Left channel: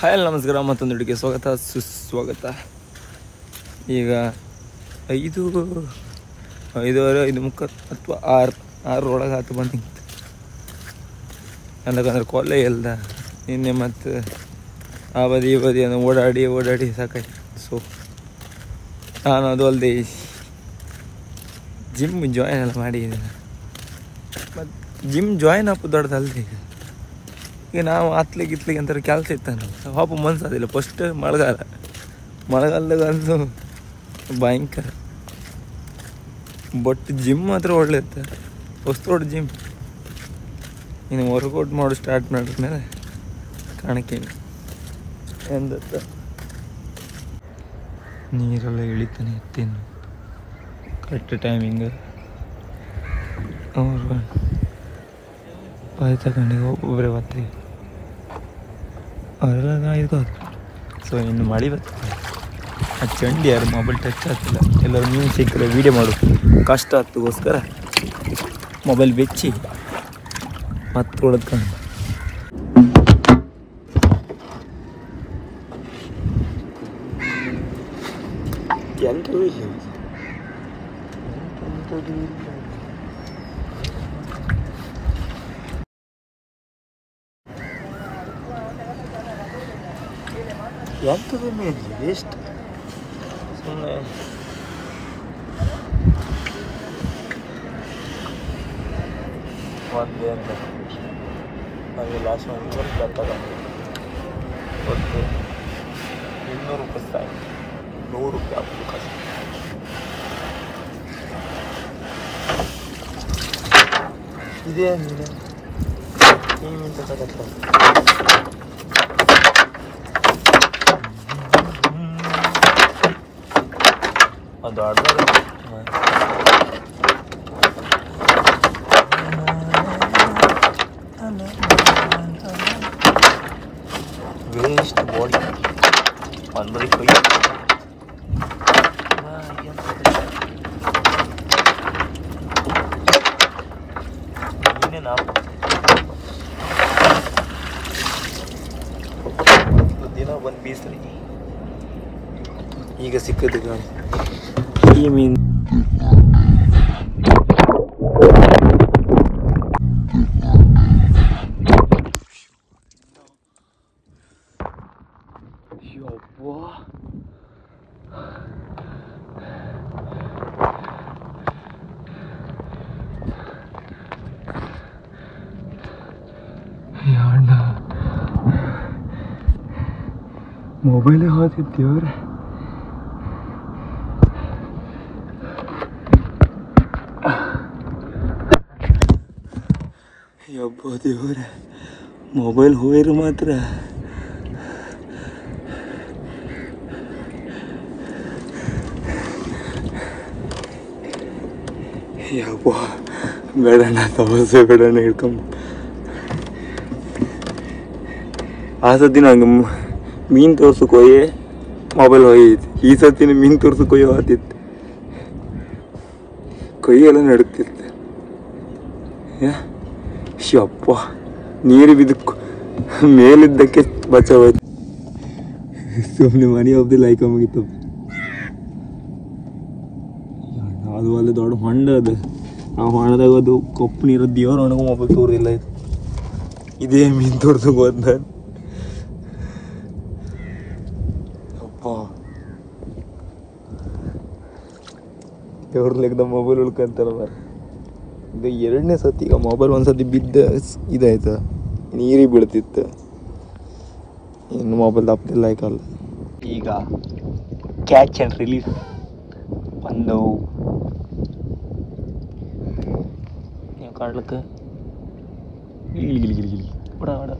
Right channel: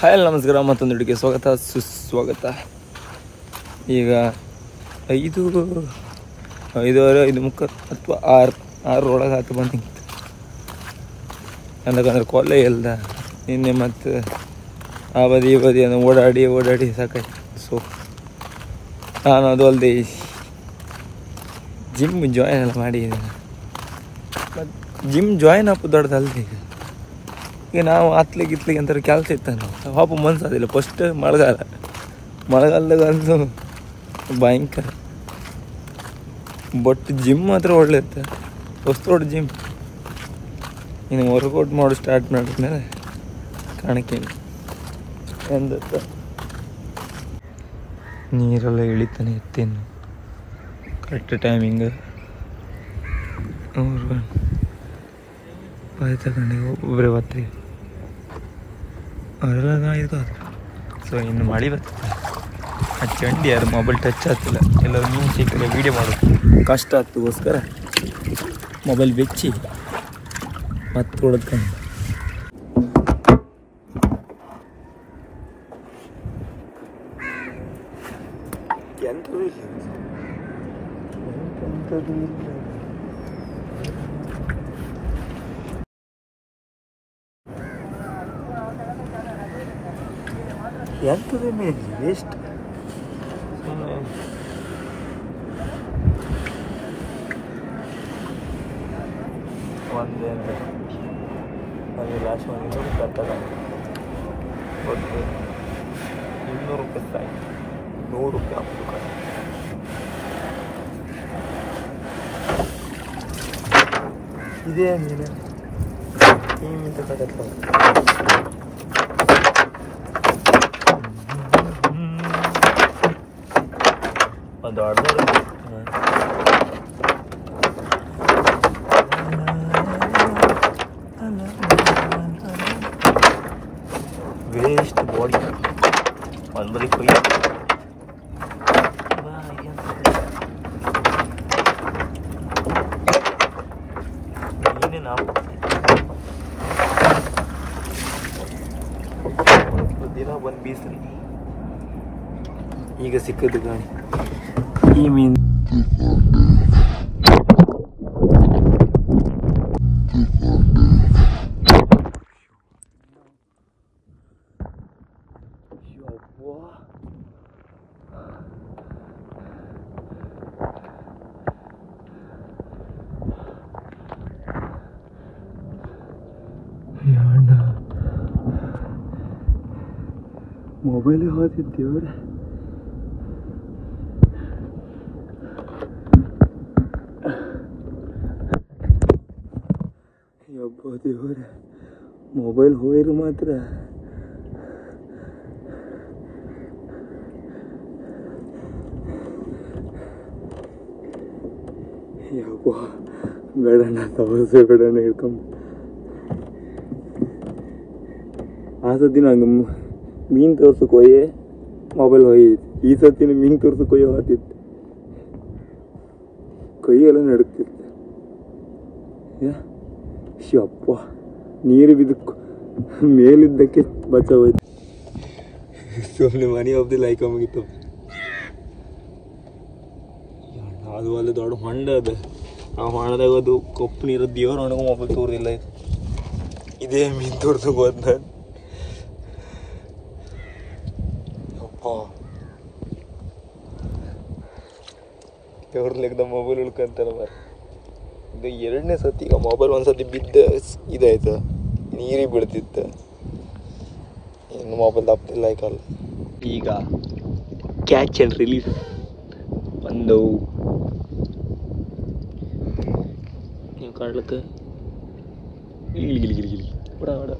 Hi ನಮಸ್ಕಾರ, ಮತ್ತೊಂದು ಹಿಡಿಗೆ ಸ್ವಾಗತ ಸುಸ್ವಾಗತ. ಈಗ 5:30 ಅಥವಾ 6 ಒಳಗೆ ಹತ್ತು ಬಂದಿತ್ತು. ಯಾಕಂದ್ರೆ ಕೊಲೆ ಇಲ್ದ ನಿನ್ನೆ ಮತ್ತು ಆ ಬದಿ ಈ ಬದಿ ಅಂದ್ರೆ ಓಡಾಡಿ ಸಾಕಾಯ್ತು. ಸೊ ನಾನು ಅದು ಅಲ್ಲದೆ ಜಿಮ್ ಜಾಯಿನ್ ಎಲ್ಲ ಮಾಡಿದ್ದೀನಿ. ಮತ್ತು ಜಿಮ್ ಜಾಯಿನ್ ಹಾಕೋದು ದೊಡ್ಡದಲ್ದೆ. ಈಗ ನಾವು ಗಿತ್ಲಿಗೆ ಅಂತಾರೆ ಕೆಲಸ ಇತ್ತು, ನಾವು ಪಾಪ ಮನ್ಸದಿಲ್ಲ. ಫಸ್ಟ್ ಮಳೆಗಾಲದಾಗ ಅಂದು ಭಯಂಕರ. ಬಟ್ ಜಿಮ್ ಮಾತ್ರ ಒಳ್ಳೆ ಇತ್ತು, ಹೊಸ್ತೋಡ್ ಜಿಮ್. ಇನ್ನು ವರ್ಕೌಟ್ ಮಾಡಿ ಸ್ಟಾರ್ಟ್ ಮಾಡಿದ್ಮೇಲೆ ಕಾಣಕ್ಕೇನು ಎಂದತ್ತ ನೀರೆಲ್ಲ ಇಳಿತಾನೆ ಇತ್ತೇನು ಕರೆಕ್ಟ್ ಟೈಮಿಂಗ್ ತಗೊಂಡು ಒಬ್ಬರೇ ಬರ್ತೀವಿ ಅವರೆಲ್ಲ ಇರ್ಬೋದು. ಸೊ ಇನ್ನು ಮಳೆ ಬರ್ತದೆ. ಆ ಚಂಡಿ ಯಾರು ಮೊಬೈಲ್ ಟಚ್ ಆಗ್ತಿಲ್ಲ. ಎಲ್ಲರೂ ಮೀನು ಸಿಕ್ಕರೆ ವೀಡಿಯೋ ಮಾಡೋದು ಕಷ್ಟ ಆಗ್ತಗೋಸ್ಕರ ಮೊಬೈಲ್ ಬೆಚ್ಚಿ ಮತ್ತೆ ಹೊಡೆದ್ಕೊಂಡು ಎಂಥದ್ದು ಇಲ್ಲ. ಎಂಥದ್ದು ಮೇಲೆ ವೇಸ್ಟ್ ಸುಮ್ಮನೆ. ಒಂದು ಅಂತ ಅದು ಲಾಸ್ಟ್ ಒಂದು 200 ರೂಪಾಯಿ ತಗೊಂಡು ಒಂದು 200 ರೂಪಾಯಿ ಸಾಕು. 100 ರೂಪಾಯಿ ಹಾಕೋದು ಕಷ್ಟ. ಇದೇ ಮೀನು ತಗೋಲ್ಲ. ಒಂದು ಅರ್ಧ ವೇಸ್ಟ್ ಬಾಡಿ ಒಂದು ಬರೀ ಕೊಯ್ಯ ನೀನೇ ನಾವು ದಿನ ಒಂದು ಬೀಸ್ರಿ. ಈಗ ಸಿಕ್ಕದು ಗಾಣಿ ಈ ಮೀನು. ಮೊಬೈಲೇ ಹೋದಿದ್ದೇವ್ರೆ. ಯಬ್ಬ ದೇವ್ರೆ, ಮೊಬೈಲ್ ಹೋಯ್ರು ಮಾತ್ರ ಯಬ್ಬ ಬೇಡಣ್ಣ, ತವಸೆ ಬೇಡಣ್ಣ ಹಿಡ್ಕೊಂಬ. ಆ ಸತಿ ನಂಗೆ ಮೀನು ತೋರ್ಸಕ್ಕೆ ಹೋಯೆ ಮೊಬೈಲ್ ಹೋಯ್ತು. ಈ ಸತಿನ ಮೀನು ತೋರ್ಸಕ್ಕೆ ಹೋಯೋ ಆತಿತ್ತು, ಕೈಯೆಲ್ಲ ನಡುಕ್ತಿತ್ತು. ಯಪ್ಪ ನೀರು ಬಿದ್ದಕ್ಕೆ ಮೇಲಿದ್ದಕ್ಕೆ ಬಚಾವಾಯ್ತು. ಸುಮ್ಮನೆ ಮನಿ ಒಬ್ದಿ ಲೈಕ್ ಮುಗಿತು. ಅದು ಅಲ್ಲಿ ದೊಡ್ಡ ಹೊಂಡ ಅದು. ಆ ಹೊಂಡದಾಗ ಅದು ಕಪ್ಪು ನೀರು ದೇವ್ರ ಒಣಗ ಮೊಬೈಲ್ ತೋರ್ದಿಲ್ಲ. ಇದು ಇದೇ ಮೀನು ತೋರ್ಸಕ್ಕೆ ಹೋದ. ದೇವ್ರ ಲೆಕ್ಕದ ಮೊಬೈಲ್ ಉಳ್ಕೊಂತಾರ. ಇದು 2ನೇ ಸತಿ. ಈಗ ಮೊಬೈಲ್ ಒಂದ್ಸತಿ ಬಿದ್ದ ಇದಾಯ್ತು, ನೀರಿಗೆ ಬೀಳ್ತಿತ್ತು. ಇನ್ನು ಮೊಬೈಲ್ ತಪ್ಪದಿಲ್ಲ ಆಯ್ಕಲ್ಲ. ಈಗ ಕ್ಯಾಚ್ ಆ್ಯಂಡ್ ರಿಲೀಸ್ ಒಂದು ನೀವು ಕಾಣ್ಲಿಕ್ಕೆ ಬಡ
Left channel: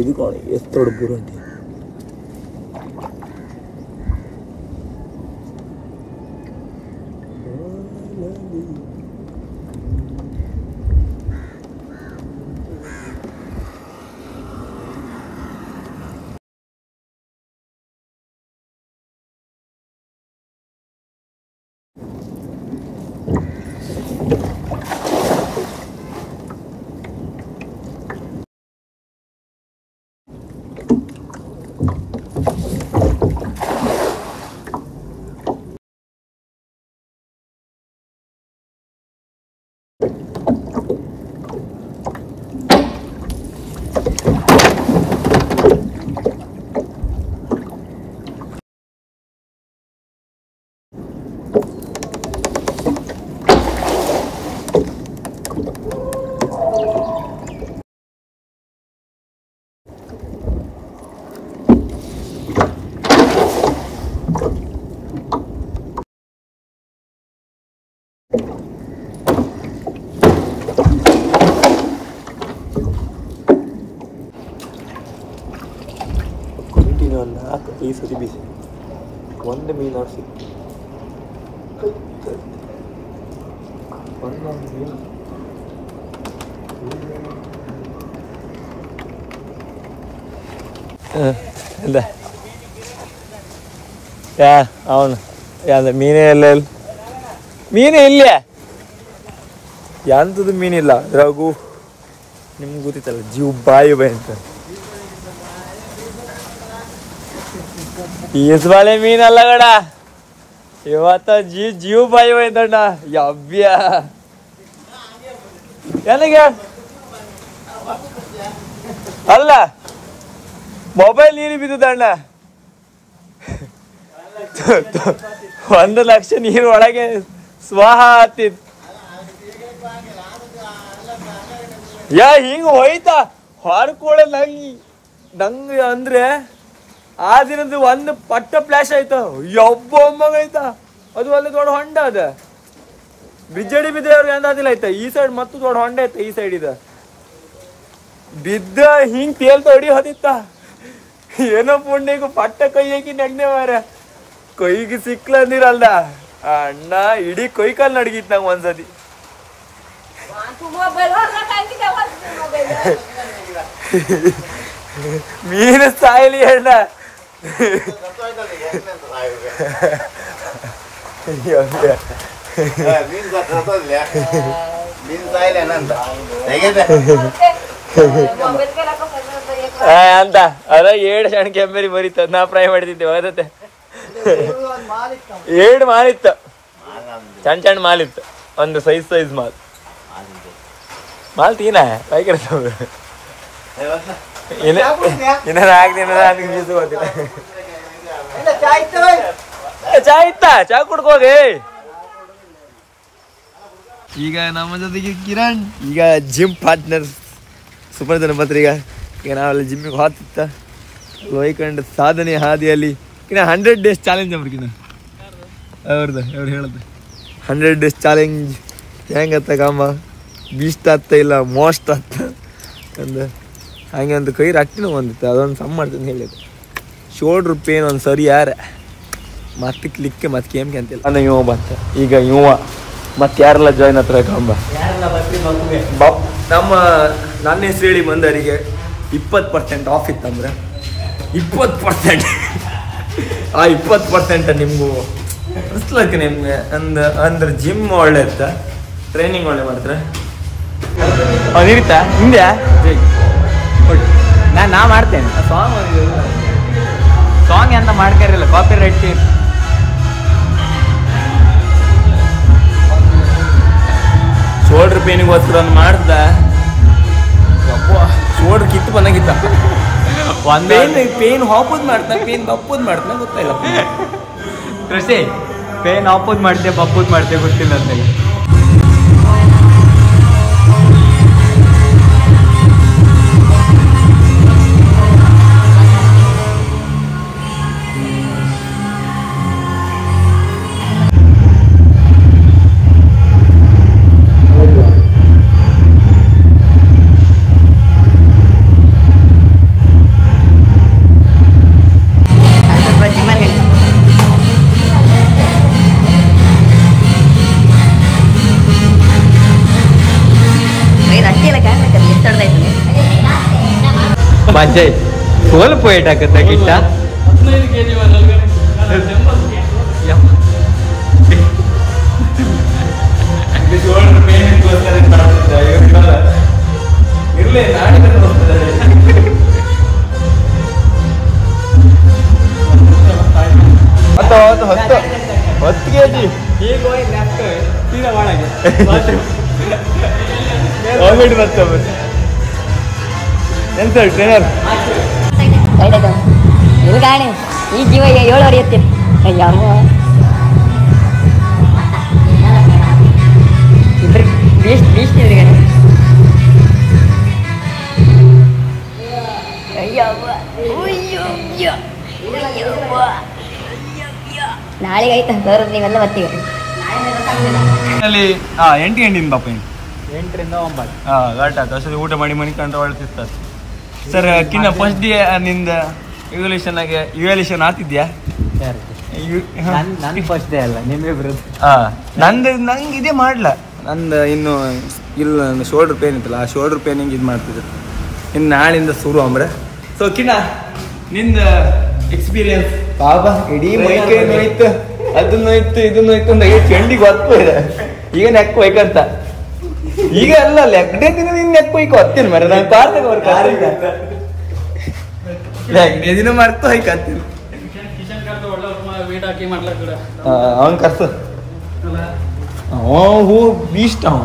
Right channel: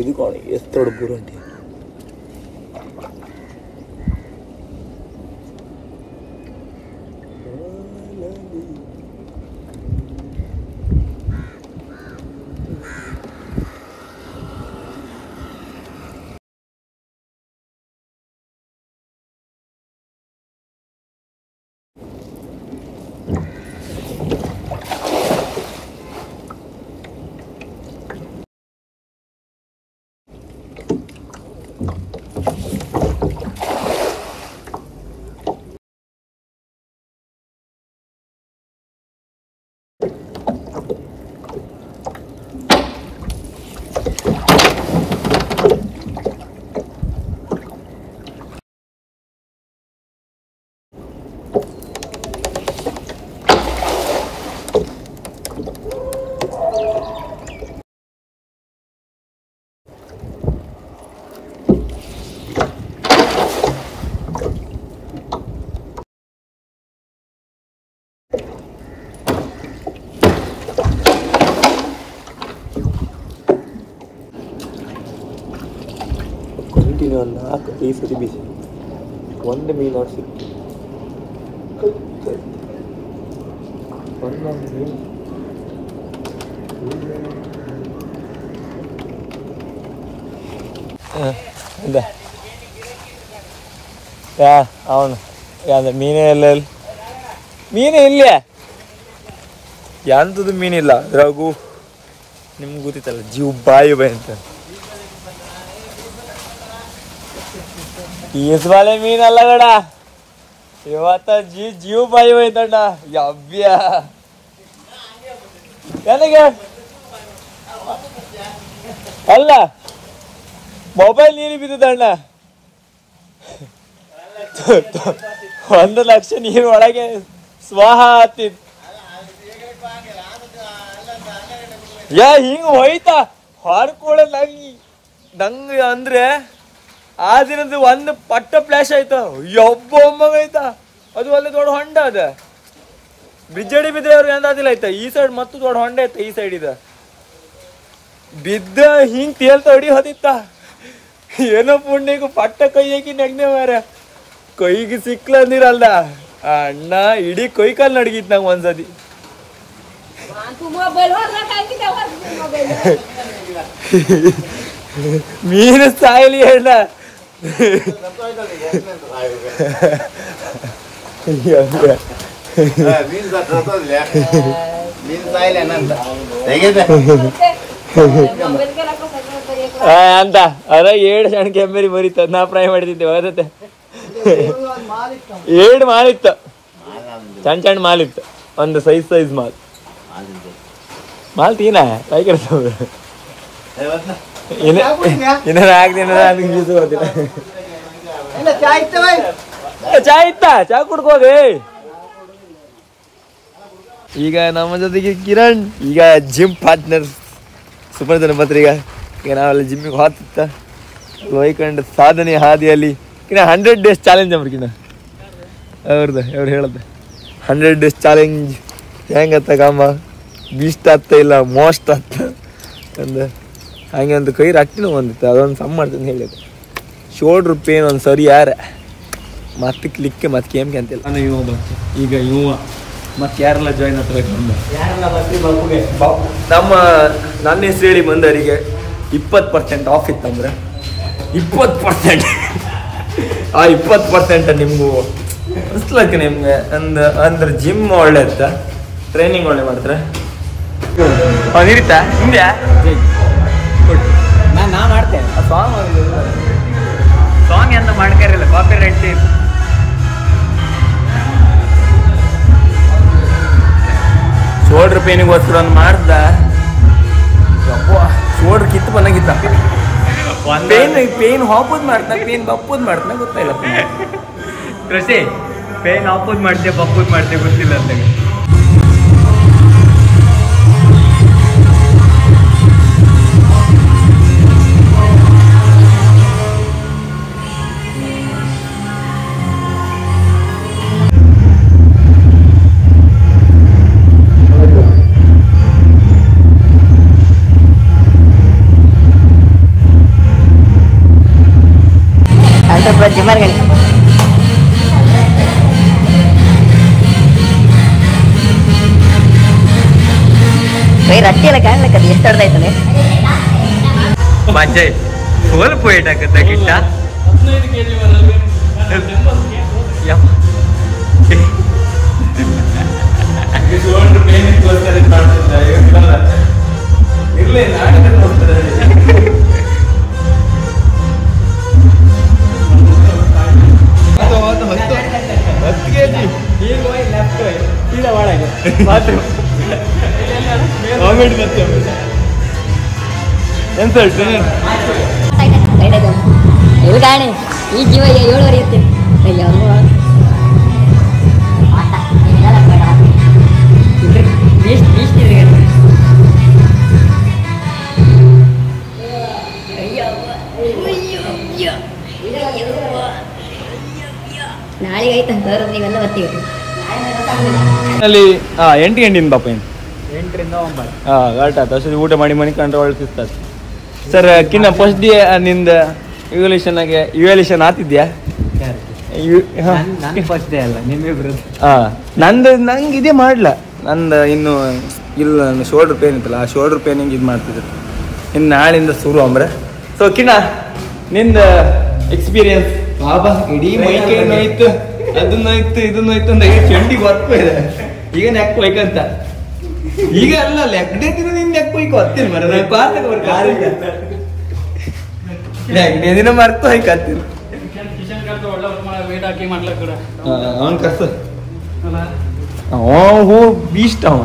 ಇದು ಕಾಣಿ ಎಷ್ಟು ದೊಡ್ಡ ಬುರಂಟಿ. ಈ ಸರಿ ಬಿಸಿ ಒಂದು ಮೀನು ಸಿಕ್ಕಿ ಒಂದೊಂದು ಮೀನು ಇಲ್ಲ ಯಾರು ಅವನು ಯಾವ್ದು ಮೀನೇ ಎಲ್ಲ ಮೀನೇ ಇಲ್ಲೇ ಎಂಥದ್ದು ಮೀನಿಲ್ಲ ಅದ್ರಾಗೂ ನಿಮ್ಗೆ ಗೊತ್ತಿತ್ತಲ್ಲ ಜೀವ ಬಾಯಿ ಅಂತ ಈಸ್ವಾಲೆ ಮೀನಲ್ಲ ಗಡ ಇವತ್ತ ಜೀವ ಬಾಯಿ ಹೋಯ್ತಣ್ಣ ಯವ್ಯ ನನಗೆ ಅಲ್ಲ ಮೊಬೈಲ್ ನೀರು ಬಿದ್ದಣ್ಣ 1 ಲಕ್ಷ ನೀರು ಒಳಗೆ ಸ್ವಾಹ ಆತಿದ್ ಹಿಂಗ ಹೋಯ್ತಾ ಹೊರಕೊಳ್ಳ ನಂಗೆ ಅಂದ್ರೆ ಆ ದಿನದ ಒಂದು ಪಟ್ಟ ಫ್ಲಾಶ್ ಆಯ್ತು ಯಬ್ಬ ಒಮ್ಮಗೈತಾ ಅದು ಅಲ್ಲೇ ದೊಡ್ಡ ಹೊಂಡ ಅದ ಬ್ರಿಡ್ಜಡಿ ಬಿದ್ರೆ ಅವ್ರು ಎಂದಾದಿಲ್ಲ ಆಯ್ತಾ ಈ ಸೈಡ್ ಮತ್ತು ದೊಡ್ಡ ಹೊಂಡ ಐತೆ ಈ ಸೈಡ್ ಇದ ಬಿದ್ದ ಹಿಂಗ್ ತೇಲ್ತ ಹೊಡಿ ಹೊದಿತ್ತ ಏನೋ ಪುಣ್ಯಗೂ ಪಟ್ಟ ಕೈ ಹಾಕಿ ನೆಗ್ನೆ ಮಾರ ಕೈಗೆ ಸಿಕ್ಲ ಅಂದಿರಲ್ದ ಅಣ್ಣ ಇಡೀ ಕೈ ಕಾಲ್ ನಡಗಿತ್ ನಂಗೆ ಒಂದ್ಸತಿ ಮೀನು ಸಾಯಲಿ ಅಣ್ಣ ಅಂತ ಅದ 7 ಸಣ್ಣ ಕೆಂಬೇರಿ ಬರೀತ ನಾ ಫ್ರೈ ಮಾಡಿದ್ದೆ ಓದತ್ತೆ 7 ಮಾಲಿತ್ತು ಸಣ್ಣ ಮಾಲಿತ್ತು ಒಂದು ಸೈಜ್ ಮಾಲ್ ತೀನ ಇನ್ನ 4 ದಿನ ನನಗೆ ಬೀಸು ಹೋದಿಲ್ಲ ಚಾ ಇತ್ತಾ ಚಾ ಕುಡ್ಕೋಗೆ ಈಗ ನಮ್ಮ ಜೊತೆಗೆ ಕಿರಣ್ ಈಗ ಜಿಮ್ ಪಾರ್ಟ್ನರ್ ಸೂಪರ್ ಜನ ಬತ್ರಿ ಈಗ ನಾವೆಲ್ಲ ಜಿಮ್ಮಿಗೆ ಹೋಗ್ತಿತ್ತ ಹೋಯ್ಕೊಂಡು ಸಾಧನೆ ಹಾದಿಯಲ್ಲಿ ಇನ್ನ 100 ಡೇಸ್ ಚಾಲೆಂಜ್ ಅವ್ರಿಗಿನ ಅವ್ರದ್ದು ಅವ್ರು ಹೇಳದ್ದು 100 ಡೇಸ್ ಚಾಲೆಂಜ್ ಹೆಂಗತ್ತ ಕಾಮ ಬೀಸ್ಟ್ ಆಗ್ತಾ ಇಲ್ಲ ಮೋಸ್ಟ್ ಆಗ್ತ ಅಂದ ಹಂಗೆ ಒಂದು ಕೈ ರಟ್ಟಿನೂ ಬಂದಿತ್ತು ಅದೊಂದು ಸಮ್ ಮಾಡ್ತೀನಿ ಹೇಳಿದ್ದು ಶೋಲ್ಡ್ರ್ ಪೇನ್ ಒಂದು ಸರಿ ಯಾರ ಮತ್ತೆ ಕ್ಲಿಕ್ಕೆ ಮತ್ತೆ ಕೇಮ್ಗೆ ಅಂತಿಲ್ಲ ಅಂದ್ರೆ ಇವ ಬಂತ ಈಗ ಇವ ಮತ್ತೆ ಯಾರೆಲ್ಲ ಜಾಯ್ನ್ ಹತ್ರ ಕಂಬ ನಮ್ಮ ನನ್ನ ಹೆಸರು ಹೇಳಿ ಬಂದವರಿಗೆ 20% ಆಫ್ ಇತ್ತಂದ್ರೆ 20% ಆ 20% ನಿಮಗೂ ಅನ್ಸ್ಲಕ್ಕ ನಿಮ್ಗೆ ಅಂದ್ರೆ ಜಿಮ್ ಒಳ್ಳೆ ಇತ್ತ ಟ್ರೈನಿಂಗ್ ಒಳ್ಳೆ ಮಾಡ್ತಾರೆ ಇರುತ್ತಾ ಹಿಂದೆ ನಾ ಮಾಡ್ತೀನಿ ಸಾಂಗ್ ಅಂತ ಮಾಡ್ಕೊಂಡಿರಲ್ಲ ಕಾಪಿ ರೈಟ್ ಶೋಲ್ಡ್ರ್ ಪೇನಿಗೋಸ್ಕರ ಒಂದು ಮಾಡ್ದ ಶೋಲ್ಡ್ರ್ ಕಿತ್ತು ಬಂದಂಗಿತ್ತ ಪೇನ್ ಹಾಕೋದು ಮಾಡ್ತಾನೆ ಪೇನ್ ಬಪ್ಪೋದು ಮಾಡ್ತಾನೆ ಗೊತ್ತಾಯಿಲ್ಲ ಕೃಷಿ ಪೇನ್ ಹಾಕೋದು ಮಾಡ್ತೇವೆ ಬಪ್ಪೋದು ಮಾಡ್ತೇವೆ ಗೊತ್ತಿಲ್ಲ ಅಂತ ಮಂಜಯ್ ಸ್ವಲ್ಪ ವೇಟ್ ಆಗತ್ತ ಗಿಟ್ಟ 15 kg ಇರ್ಲಿ ನಾಳೆ ಹೋಗ್ತದೆ 10 kg ಈಗ ಲೆಫ್ಟ್ ಇಲ್ಲ ಒಳಗೆ ಹೋಗ್ಬಿಟ್ಟು ಮತ್ತೊಮ್ಮೆ ಏನ್ ಸರ್ ಟ್ರೈನರ್ ಎಲ್ಗಾಣೆ ಈ ಜೀವ 7 ಹೊರೆಯುತ್ತೆ ಅಯ್ಯಮ್ಮ ನಾಳೆಗೆ ಆಯ್ತಾ ಸರ್ ನೀವೆಲ್ಲ ಬರ್ತೀವಿ 8 ಗಂಟೆ ಬಾಪ 8 ರಿಂದ 9 ಊಟ ಮಾಡಿ ಮನೆ ಕಂಡು ಒಳ್ಳೆ ಸರ್ ಕಿನ್ನ ಫಸ್ಟ್ ಡೇ ನಿಂದ ಇವ್ಯಾಲ್ಯೂಷನ್ ಆಗ್ತಿದ್ಯಾ? ನಾನು ಫಸ್ಟ್ ಡೇ ಅಲ್ಲ ನಿಮ್ಮಿಬ್ರು. ನಂಗೆ ಇದೇ ಮಾಡ್ಲ ನಂದು ಇನ್ನು ಇಲ್ಲ, ನನ್ನ ಶೋಲ್ಡರ್ ಪೇನ್ ಇತ್ತಲ್ಲ, ಆ ಶೋಲ್ಡರ್ ಪೇನಿಂಗ್ ಇದು ಮಾಡ್ತಿದ್ರು. ಇನ್ನು ನಾಳಿಂದ ಶುರು ಅಂಬ್ರೆ. ಸೊ ಕಿನ್ನ ನಿಂದ ಎಕ್ಸ್ಪೀರಿಯನ್ಸ್ ಬಾಬಾ ಇಡೀ ಮೈಕೈ ನೋಯ್ತು, ಅದನ್ನ ನೋಯ್ತು ಇದನ್ನ ನೋಯ್ತು ಅಂದಾಗ ಚಂಡಿಗೆ ಹೊತ್ಕೋಯ್ದ. ಈಗ ನೆಕ್ ಹೊಯ್ಕಂತ ಈಗ ಅಲ್ಲ ಲೆಗ್ಡೇ ದಿನ ನಿನ್ ನೆಕ್ ಹೊಯ್ಕೊ ಹತ್ತೀನಿ ಮರ ನಾನು ಪಾರ್ತಾಗ ಅವ್ರ ಲೆಗ್ಡೇ ದಿನ ಮರ್ತು ಹೊಯ್ಕತ್ತೀನಿ. ಅವನ್ ಕರ್ಸ ಹೂ ಬೀಸ್ಟ್ ಅವ